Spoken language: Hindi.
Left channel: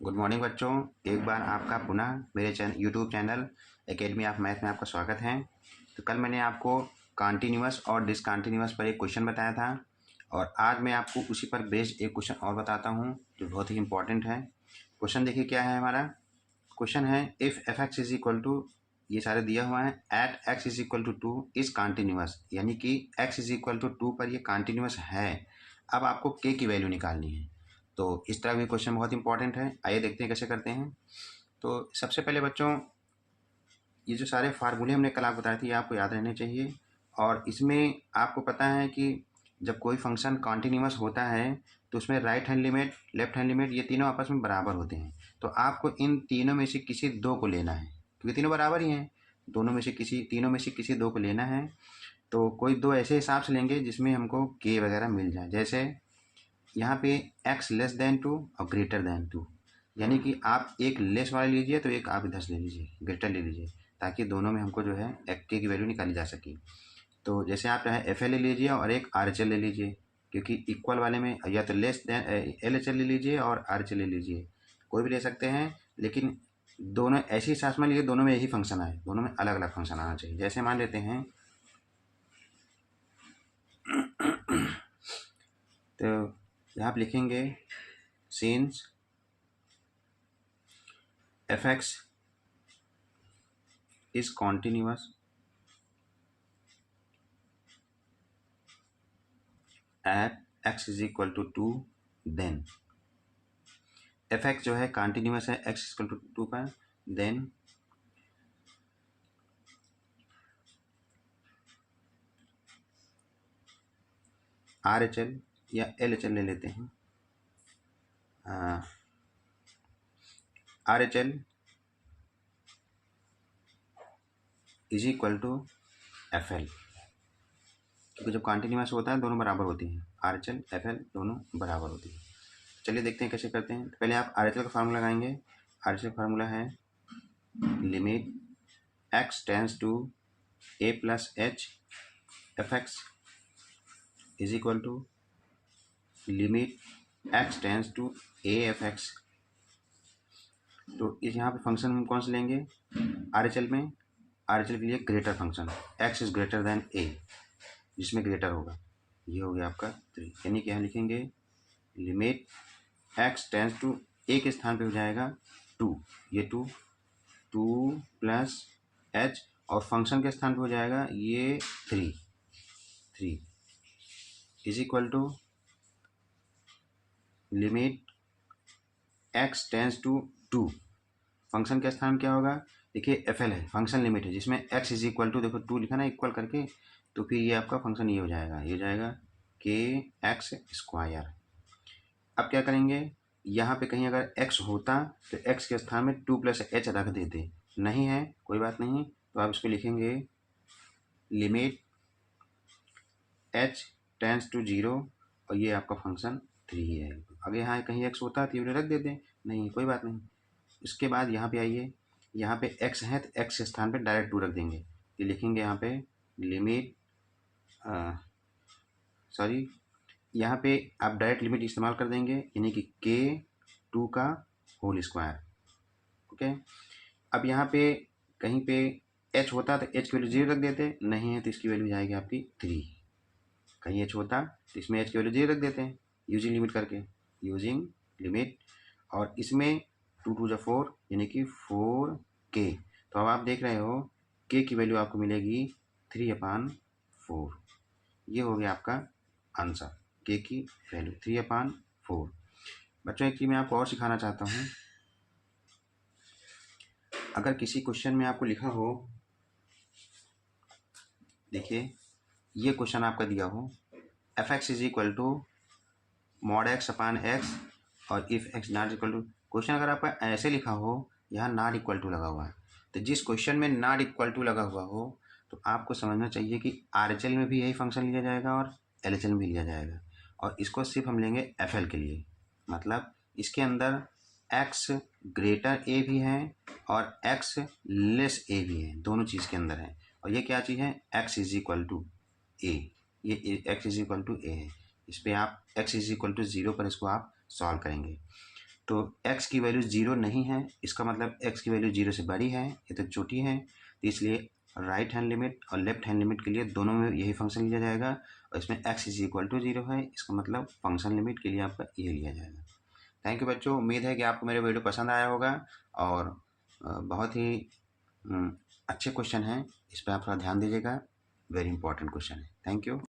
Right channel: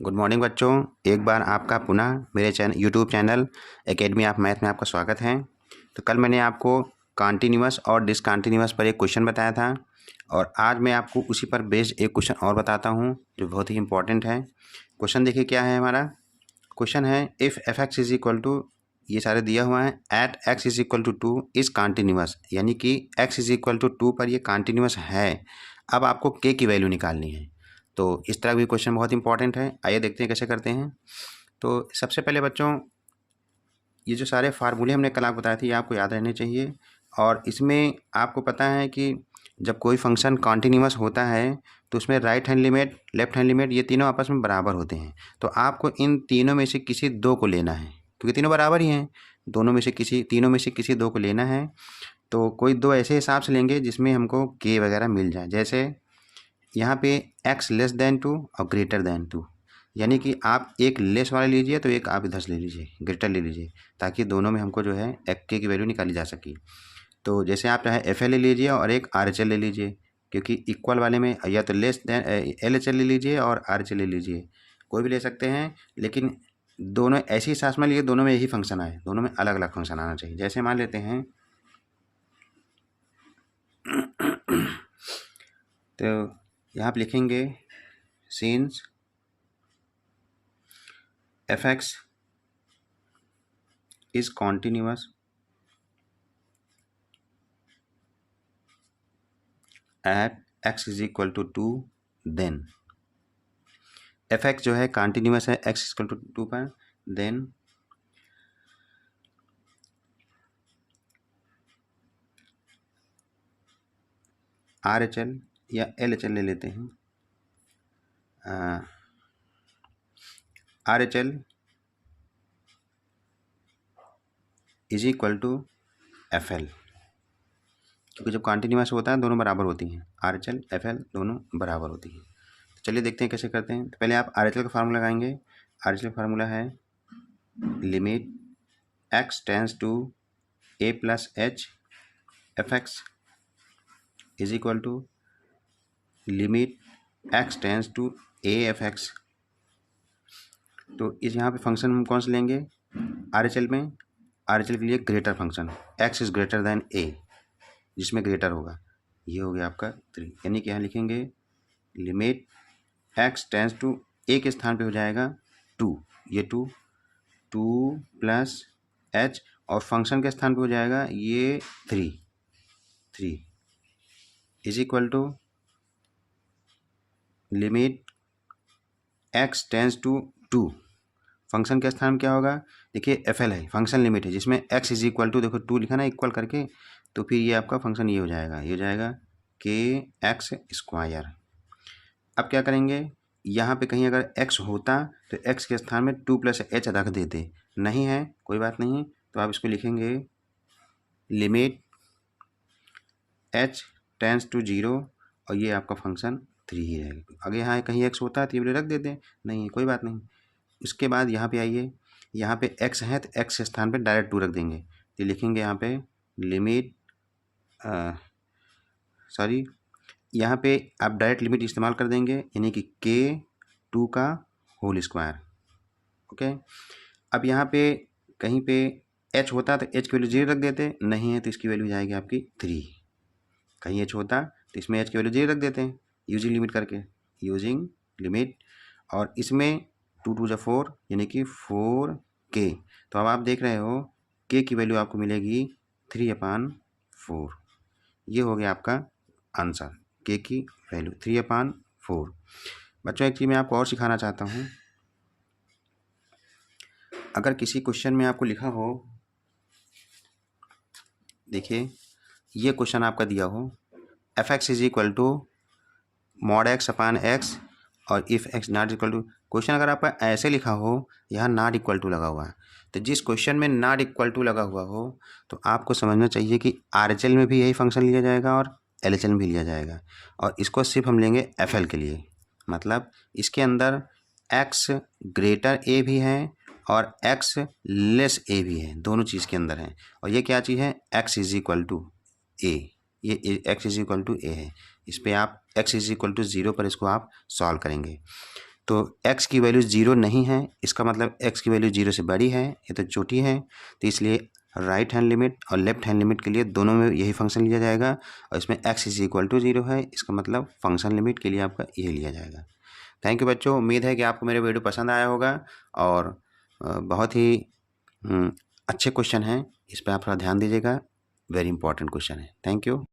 गुड मॉर्निंग बच्चों। एक बार आपका पुनः मेरे YouTube channel academy of math में आपका स्वागत है। तो कल मैंने आपको कॉन्टीन्यूअस और डिसकॉन्टीन्यूअस पर एक क्वेश्चन बताया था और आज मैं आपको उसी पर बेस्ड एक क्वेश्चन और बताता हूं जो बहुत ही इंपॉर्टेंट है। क्वेश्चन देखिए क्या है हमारा। क्वेश्चन है if f x is equal to, ये सारे दिया हुआ है, at x is equal to 2 is continuous, यानी कि एक्स इज इक्वल टू 2 पर ये कॉन्टीन्यूअस है। अब आपको के की वैल्यू निकालनी है। तो इस तरह भी क्वेश्चन बहुत इंपॉर्टेंट है। आइए देखते हैं कैसे करते हैं। तो सबसे पहले बच्चों, ये जो सारे फार्मूले हमने कल आपको बताए थे ये आपको याद रहने चाहिए। और इसमें आपको पता है कि जब कोई फंक्शन कॉन्टीन्यूअस होता है तो उसमें right hand limit, left hand limit, ये तीनों आपस में बराबर होते हैं। तो आपको इन तीनों में से किसी दो को लेना है, क्योंकि तीनों बराबर ही हैं। तीनों में से किसी दो को लेना है। तो कोई दो ऐसे हिसाब से लेंगे जिसमें हमको के वगैरह मिल जाए। जैसे यहाँ पे x लेस देन 2 और ग्रेटर देन 2, यानी कि आप एक लेस वाला लीजिए तो एक आप इधर से ले लीजिए, ग्रेटर ले लीजिए, ताकि दोनों में हमको जो है के की वैल्यू निकाली जा सके। तो जैसे आप चाहे एफ एल ले लीजिए और एक आर एच एल ले लीजिए, क्योंकि इक्वल वाले में या तो less than L H L ले लीजिए और आर एच एल ले लीजिए, कोई भी ले सकते हैं। लेकिन दोनों ऐसी सांस में लिए दोनों में यही फंक्शन आए, दोनों में अलग अलग फंक्शन आना चाहिए। जैसे मान लेते हैं तो यहाँ पे लिखेंगे since f x is continuous at x is equal to 2, then f x जो है कॉन्टीन्यूअस है एक्स इज इक्वल टू 2 पर, देन आर एच एल या एल एच एल ले लेते हैं। R H L is equal to F L, क्योंकि जब कॉन्टीन्यूअस होता है दोनों बराबर होती हैं, R H L F L दोनों बराबर होती हैं। तो चलिए देखते हैं कैसे करते हैं। तो पहले आप आर एच एल का फार्मूला लगाएंगे। आर एच एल का फार्मूला है limit x tends to a plus h f x is equal to limit x tends to a f x. तो इस यहाँ पे फंक्शन हम कौन से लेंगे आर एच एल में? आर एच एल के लिए greater function x is greater than a, जिसमें ग्रेटर होगा, ये हो गया आपका 3, यानी कि यहाँ लिखेंगे लिमिट एक्स टेंस टू ए के स्थान पे हो जाएगा 2, ये 2 प्लस एच, और फंक्शन के स्थान पे हो जाएगा ये 3 is equal to limit x tends to 2, function के स्थान में क्या होगा? देखिए एफ एल है, फंक्शन लिमिट है, जिसमें एक्स इज इक्वल टू, देखो 2 लिखा ना इक्वल करके, तो फिर ये आपका फंक्शन ये हो जाएगा, ये हो जाएगा के एक्स स्क्वायर। अब क्या करेंगे, यहाँ पे कहीं अगर x होता तो x के स्थान में 2 प्लस एच रख देते, नहीं है कोई बात नहीं, तो आप इसको लिखेंगे लिमिट h टेंस टू 0, और ये आपका फंक्शन 3 ही रहेगा। अगर यहाँ कहीं x होता तो ये वाले रख देते, नहीं है कोई बात नहीं। उसके बाद यहाँ पे आइए, यहाँ पे x है तो x के स्थान पे डायरेक्ट 2 रख देंगे, तो लिखेंगे यहाँ पे लिमिट यहाँ पे आप डायरेक्ट लिमिट इस्तेमाल कर देंगे, यानी कि के 2 का होल स्क्वायर। ओके, अब यहाँ पे कहीं पे h होता तो h की वैल्यू 0 रख देते, नहीं है तो इसकी वैल्यू जाएगी आपकी 3। कहीं h होता तो इसमें h की वैल्यू 0 रख देते हैं यूजिंग लिमिट करके, यूजिंग लिमिट, और इसमें 2 2 4, यानी कि 4k। तो अब आप देख रहे हो k की वैल्यू आपको मिलेगी 3/4। ये हो गया आपका आंसर, के की वैल्यू 3/4। बच्चों एक चीज़ मैं आपको और सिखाना चाहता हूँ। अगर किसी क्वेश्चन में आपको लिखा हो, देखिए ये क्वेश्चन आपका दिया हो f x is equal to mod x upon x और if x not equal to, question अगर आपका ऐसे लिखा हो, यहाँ नॉट इक्वल टू लगा हुआ है, तो जिस क्वेश्चन में नॉट इक्वल टू लगा हुआ हो तो आपको समझना चाहिए कि आर एच एल में भी यही फंक्शन लिया जाएगा और एल एच एल में भी लिया जाएगा, और इसको सिर्फ हम लेंगे एफ एल के लिए। मतलब इसके अंदर एक्स ग्रेटर ए भी है और एक्स लेस ए भी है, दोनों चीज़ के अंदर है। और ये क्या चीज़ है? एक्स इज इक्वल टू ए, ये एक्स इज इक्वल टू ए है। इस पर आप एक्स इज इक्वल टू 0 पर इसको आप सॉल्व करेंगे। तो x की वैल्यू 0 नहीं है, इसका मतलब x की वैल्यू 0 से बड़ी है, ये तो छोटी है, तो इसलिए राइट हैंड लिमिट और लेफ्ट हैंड लिमिट के लिए दोनों में यही फंक्शन लिया जाएगा। और इसमें x इज इक्वल टू 0 है, इसका मतलब फंक्शन लिमिट के लिए आपका ये लिया जाएगा। थैंक यू बच्चों, उम्मीद है कि आपको मेरे वीडियो पसंद आया होगा और बहुत ही अच्छे क्वेश्चन हैं, इस पर आप थोड़ा ध्यान दीजिएगा, वेरी इंपॉर्टेंट क्वेश्चन है। Thank you.